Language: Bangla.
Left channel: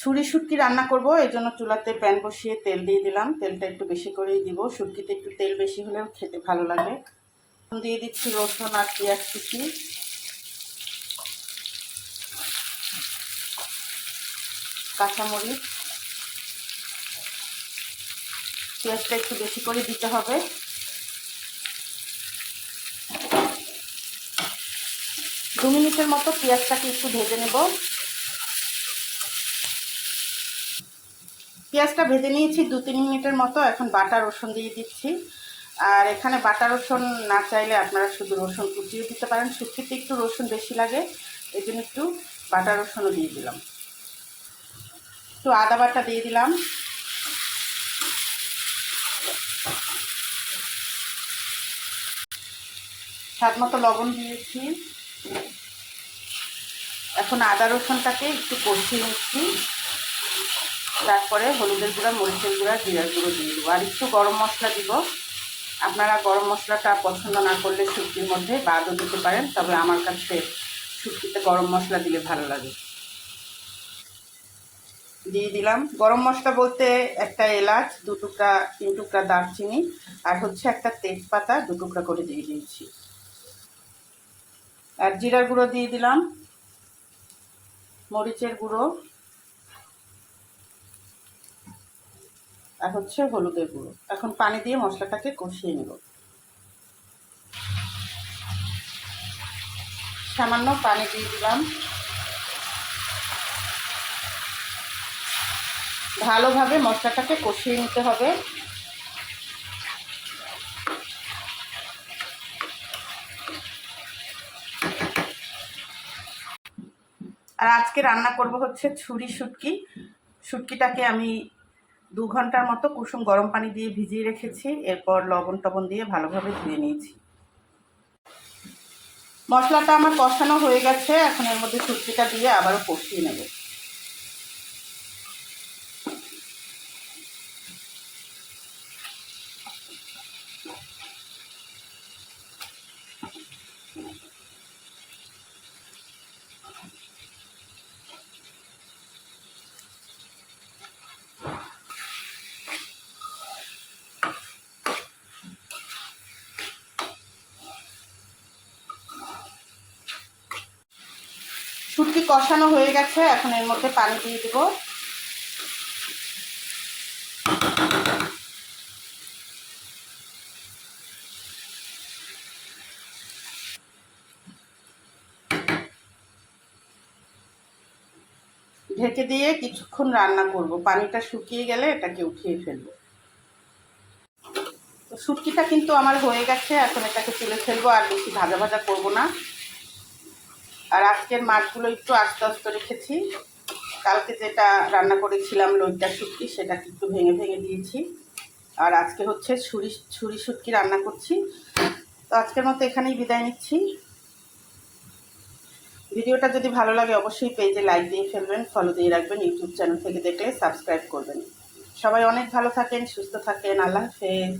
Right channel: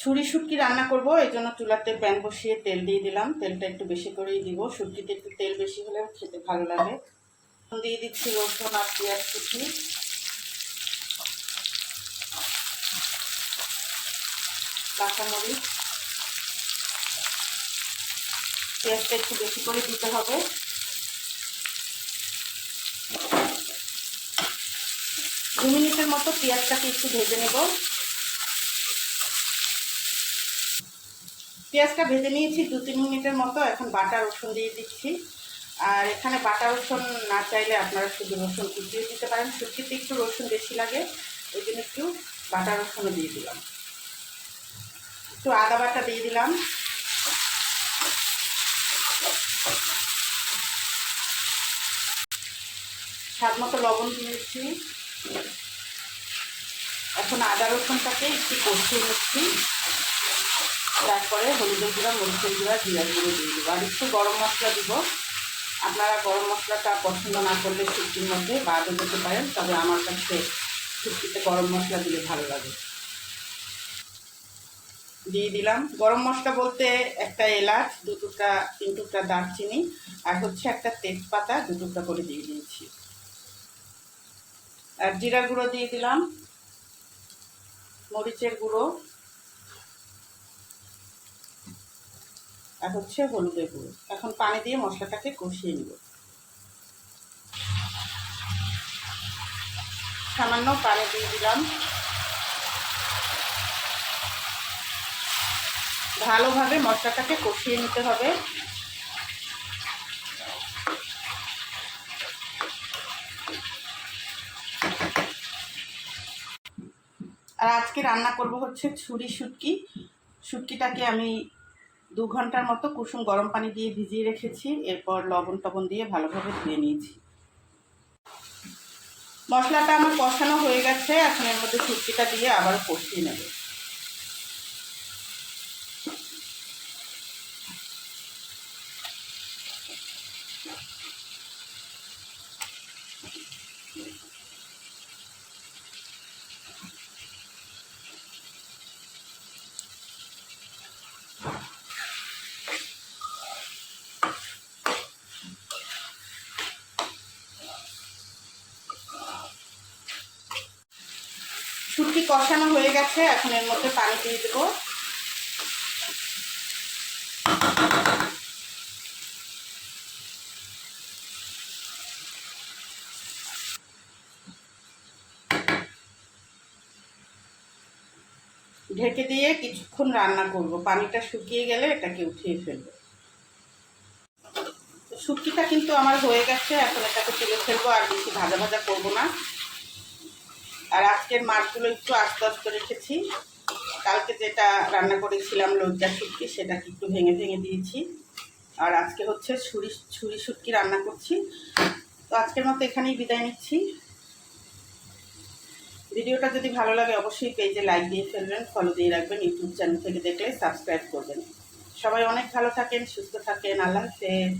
ছুরি শুটকি রান্না করব, এই জন্য চুলাতে প্যান বসিয়ে তেল দিয়ে দিলাম। তেলটা একটু বেশি করেই দিব। শুটকিতে একটু তেল বেশি হলেও খেতে ভালো লাগে। দিয়ে দিচ্ছি রসুন আর পেঁয়াজ কুচি। কাঁচামরিচ। পেঁয়াজটা একটু বেশি করে দিতে হবে। দু মিনিটের মতো পেঁয়াজটাকে একটু ভেজে নেব। পেঁয়াজটা ভেজে নিয়েছি দু, তিন মিনিটের মতো। এখন বাটা, রসুন দিয়ে দিচ্ছি। আর এখানে বাটা, রসুন না চাইলে আপনারা শুধু রসুন কুচিয়ে দিতে পারেন। শুটকিতে একটু রসুন বেশি লাগে, এই জন্য একটু বাটা, রসুনও দিয়ে দিলাম। একটু আদা বাটা দিয়ে দিলাম। স্বাদ মতো লবণ দিয়েছি। এখন আদা, রসুনটাকে একটু কষিয়ে নিচ্ছি। তারপরে হলুদের গুঁড়া, মরিচের গুঁড়া, জিরার গুঁড়ো দিয়ে দেবো। আর একটু গরম মশলা দিব। আপনারা গরম মশলাটা পছন্দ না করলে শুটকির মধ্যে বাদও দিতে পারেন, তবে আমার কাছে শুটকিতে গরম মশলা দিলে ভালো লাগে। দিয়ে দিলাম। গরম মশলা বলতে একটা এলাচ, দু টুকরা, তিন টুকরা দারচিনি, আর হচ্ছে একটা তেজপাতা, দু টুকরা করে দিয়ে দিয়েছি। আর জিরা গুঁড়ো দিয়ে দিলাম। মরিচের গুঁড়ো আর হচ্ছে হলুদের গুঁড়ো। এখন পানি দিয়ে মশলাটাকে কষিয়ে নেব। সামান্য পানি দিয়ে দিলাম। ভালোভাবে মশলাটাকে কষিয়ে নিতে হবে। আর আজকে রান্না করব হচ্ছে ছুরি শুটকি। শুটকিটাকে আমি দু ঘণ্টার মতো কুসুম গরম পানি দিয়ে ভিজিয়ে রেখেছি, এরপর লবণ টবণ দিয়ে ভালোভাবে ধুয়ে নিয়েছি। মশলাটা আমার কষানো হয়ে গেছে, এখন এর মধ্যে শুটকিটা দিয়ে আবারও কষিয়ে নেব। শুটকি কষানো হয়ে গেছে, এখন এর মধ্যে পানি দিয়ে দেবো। ঢেকে দিয়ে কিছুক্ষণ রান্না করব। পানিটা শুকিয়ে গেলে এটাকে উঠিয়ে ফেলব। তো শুটকিটা কিন্তু আমার হয়ে গেছে, এখন এটাকে তুলে ফেলব আর বেশি ভাজা ভাজা করব না। আর আজকের মাছগুলো একটু আস্তে আস্তে রেখেছি কালকে যেটা রান্না করেছিলাম লজ্জা শুটকি, সেটাকে একটু ভেঙে ভেঙে দিয়েছি। আর আজকে হচ্ছে ছুরি ছুরি শুটকি রান্না করছি। তো আজকের মতো এখানেই বিদায় নিচ্ছি। ভিডিওটা যদি ভালো লাগে, অবশ্যই পেজে লাইক দিয়ে ফেলবেন ফলো দিয়ে রাখবেন ইউটিউব চ্যানেল থেকে দেখলে সাবস্ক্রাইব করবেন। সবাই অনেক ভালো থাকেন, সুস্থ থাকেন, আল্লাহ হাফেজ।